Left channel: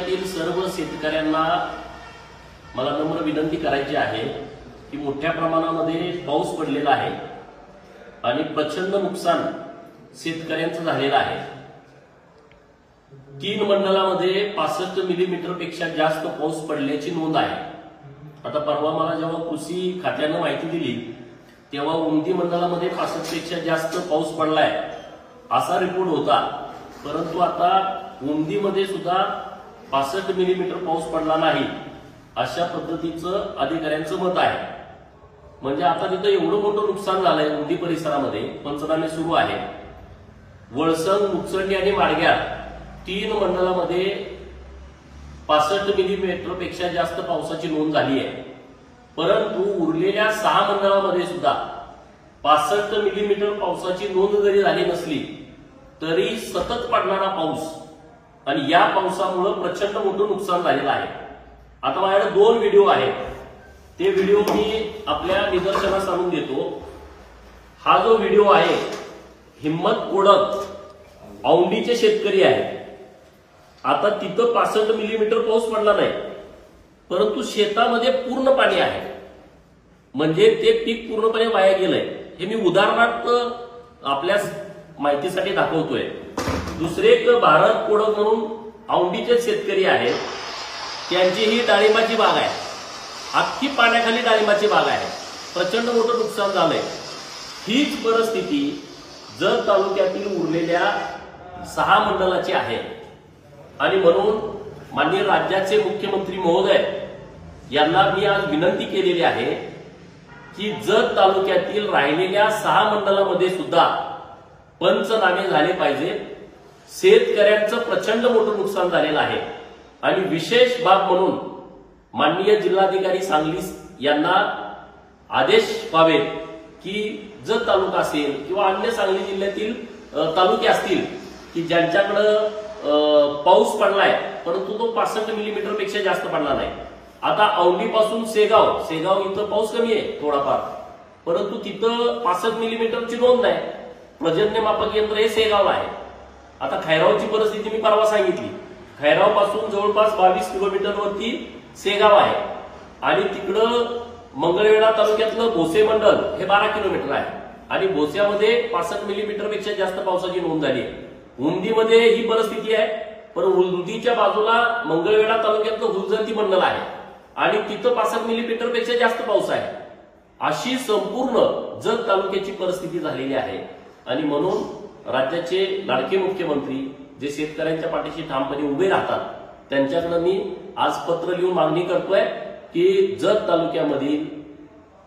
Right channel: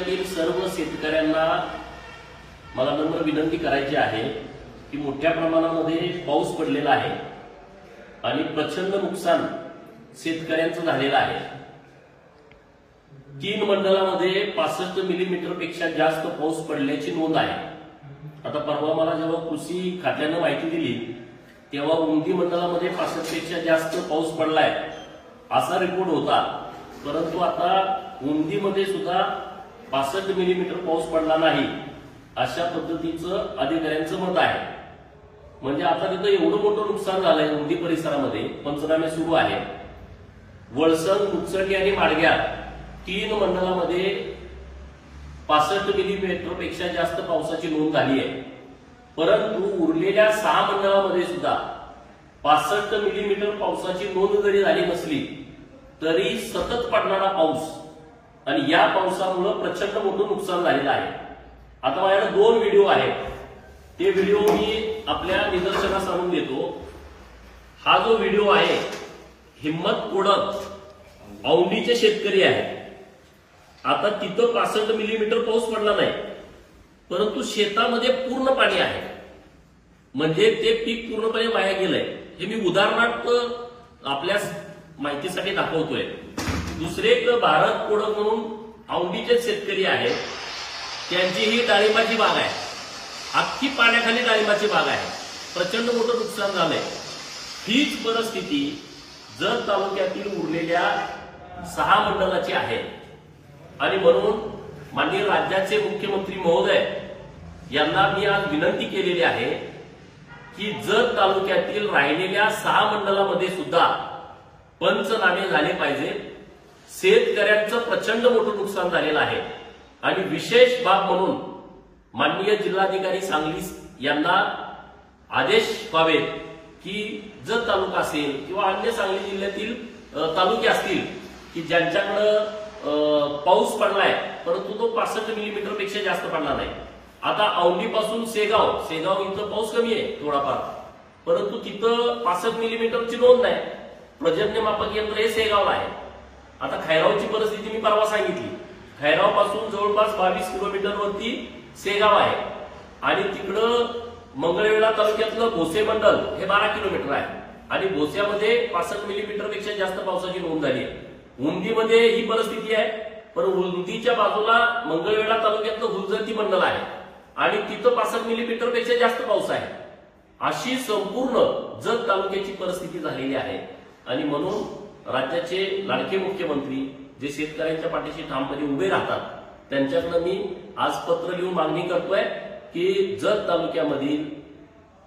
तालुक्यातील सर्व शेतकऱ्यांना मला नम्र विनंती करायची आहे की मोठ्या प्रमाणामध्ये पाऊस पडलेला आहे आणि प्रचंड नुकसान शेतकऱ्यांचं झालेलं आहे। 3 मंडळामध्ये 65 मिलीमीटर पेक्षा जास्त पाऊस पडल्याची नोंद आहे। आता परवा मला जेव्हा कृषी खात्याने माहिती दिली तेव्हा उमदी मंडळामध्ये 65 पेक्षा जास्त पाऊस पडलाय असा रिपोर्ट होता, परंतु आता उमदीमध्ये सुद्धा 65 मिलीमीटर पाऊस पडला नाही अशा पद्धतीचं अधिकाऱ्यांचं मत आहे। म्हणजे आता तिथं एवढं मोठं नुकसान झालंय उमदी परिसरामध्ये, पंचनामे सुरू आहे। वळसंग, मुचंडी आणि माडग्या 3 मंडळामध्ये 65 मिलीमीटर पेक्षा जास्त पावसाची नोंद झाली आहे, परंतु उरलेल्या 6 मंडळामध्ये सुद्धा 65 मिलीमीटर पावसाची नोंद जरी झाली नसली तरी सतत पडणारा पाऊस आणि या पावसामुळे प्रचंड मोठं नुकसान झालेलं आहे। आता माझ्याकडे 2 व्हिडिओ आहेत, ते व्हिडिओ मी आपल्या निदर्शनास आणून देतो। हा जो व्हिडिओ आहे हिम्मत कोडक औंढीचे शेतकरी आहेत। आता तिथं 65 मिलीमीटर पाऊस पडला नाही, परंतु शेतामध्ये पूर्ण पाणी आहे, म्हणजे ते पीक पूर्णपणे वाया गेलंय। हे मी उदाहरणार्थ आपल्या माहितीसाठी दाखवतोय। दुसरे एक भारत कोडक म्हणून औंढीचे शेतकरी आहेत, त्यांची ही डाळिंबाची बाग आहे, अख्खी पाण्याखाली डाळिंबाची बाग आहे, प्रचंड मोठं नुकसान झालंय। हीच परिस्थिती जत तालुक्यातील उरलेल्या 6 मंडळाची आहे आणि म्हणून माननीय राज्याचे मुख्यमंत्री महोदय यांना मी आज विनंती केलेली आहे की जत तालुक्यातील राहिलेल्या 6 मंडळामध्ये सुद्धा पंचनामे झाले पाहिजे। शेतकऱ्यांचं प्रचंड मोठं नुकसान झालेलं आहे आणि विशेष बाब म्हणून माननीय जिल्हाधिकारी सांगली यांना आदेश व्हावेत की जत तालुका असेल किंवा अन्य सांगली जिल्ह्यातील तालुके असतील की ज्यांच्याकडे पाऊस पडलाय परंतु तो 65 मिलीमीटर पेक्षा जास्त पडला नाही। आता औंढीपासून सेगाव इथं पाऊस कमी आहे थोडाफार, परंतु तिथं 65 मिलीमीटरची नोंद नाही। पर्जन्यमापक यंत्र हे सेगावला आहे। आता खैरावची परिस्थिती मी परवा सांगितली, खैरावपासून जवळपास 22 किलोमीटरवरती सेगाव आहे आणि तिकडं मंगळवेढा तालुक्यातलं भोसे मंडल हे 12 किलोमीटर आहे आणि भोस्यामध्ये 65 मिलीमीटर पेक्षा जास्त पावसाची नोंद झाली आहे। उमदीमध्ये ही परिस्थिती आहे, पण उमदीच्या बाजूला मंगळवेढा तालुक्यातलं हुलजंती मंडल आहे आणि तिथं 65 मिलीमीटर पेक्षा जास्त पाऊस आहे। अशी संपूर्ण जत तालुक्याची परिस्थिती झालेली आहे आणि म्हणून राज्याचे लाडके मुख्यमंत्री जे शेतकऱ्यांच्या पाठीशी ठामपणे उभे राहतात त्यांच्याकडे मी आज पत्र लिहून मागणी करतोय की जत तालुक्यामधील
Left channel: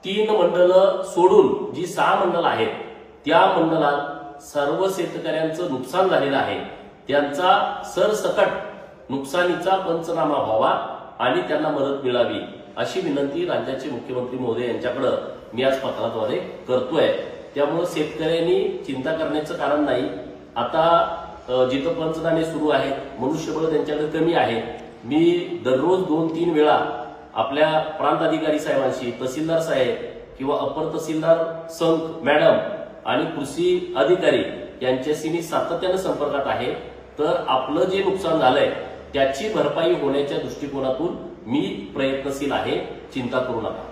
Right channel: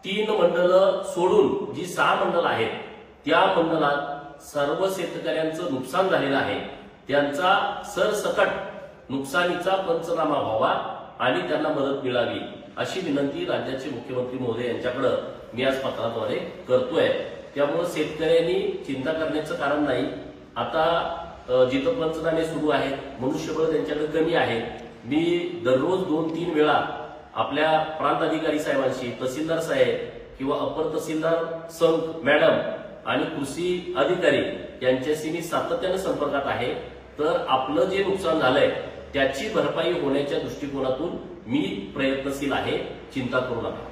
3 मंडळं सोडून जी 6 मंडळ आहेत त्या मंडळात सर्व शेतकऱ्यांचं नुकसान झालेलं आहे, त्यांचा सरसकट नुकसानीचा पंचनामा व्हावा आणि त्यांना मदत मिळावी अशी विनंती राज्याचे मुख्यमंत्री महोदय यांच्याकडे मी आज पत्राद्वारे करतोय। त्यामुळे शेतकऱ्यांनी चिंता करण्याचं कारण नाही। आता जिथं पंचनामे सुरू आहेत, मनुष्यबळ त्यांच्याकडे कमी आहे। मी दररोज 2-3 वेळा आपल्या प्रांत अधिकारी साहेबांशी, तहसीलदार साहेब किंवा अपर तहसीलदार संत मॅडम आणि कृषी अधिकारी यांच्याशी मी सातत्याने संपर्कात आहे। तर आपलं जे नुकसान झालंय त्याची भरपाई होण्याच्या दृष्टिकोनातून मी प्रयत्नशील आहे, चिंता करू नका।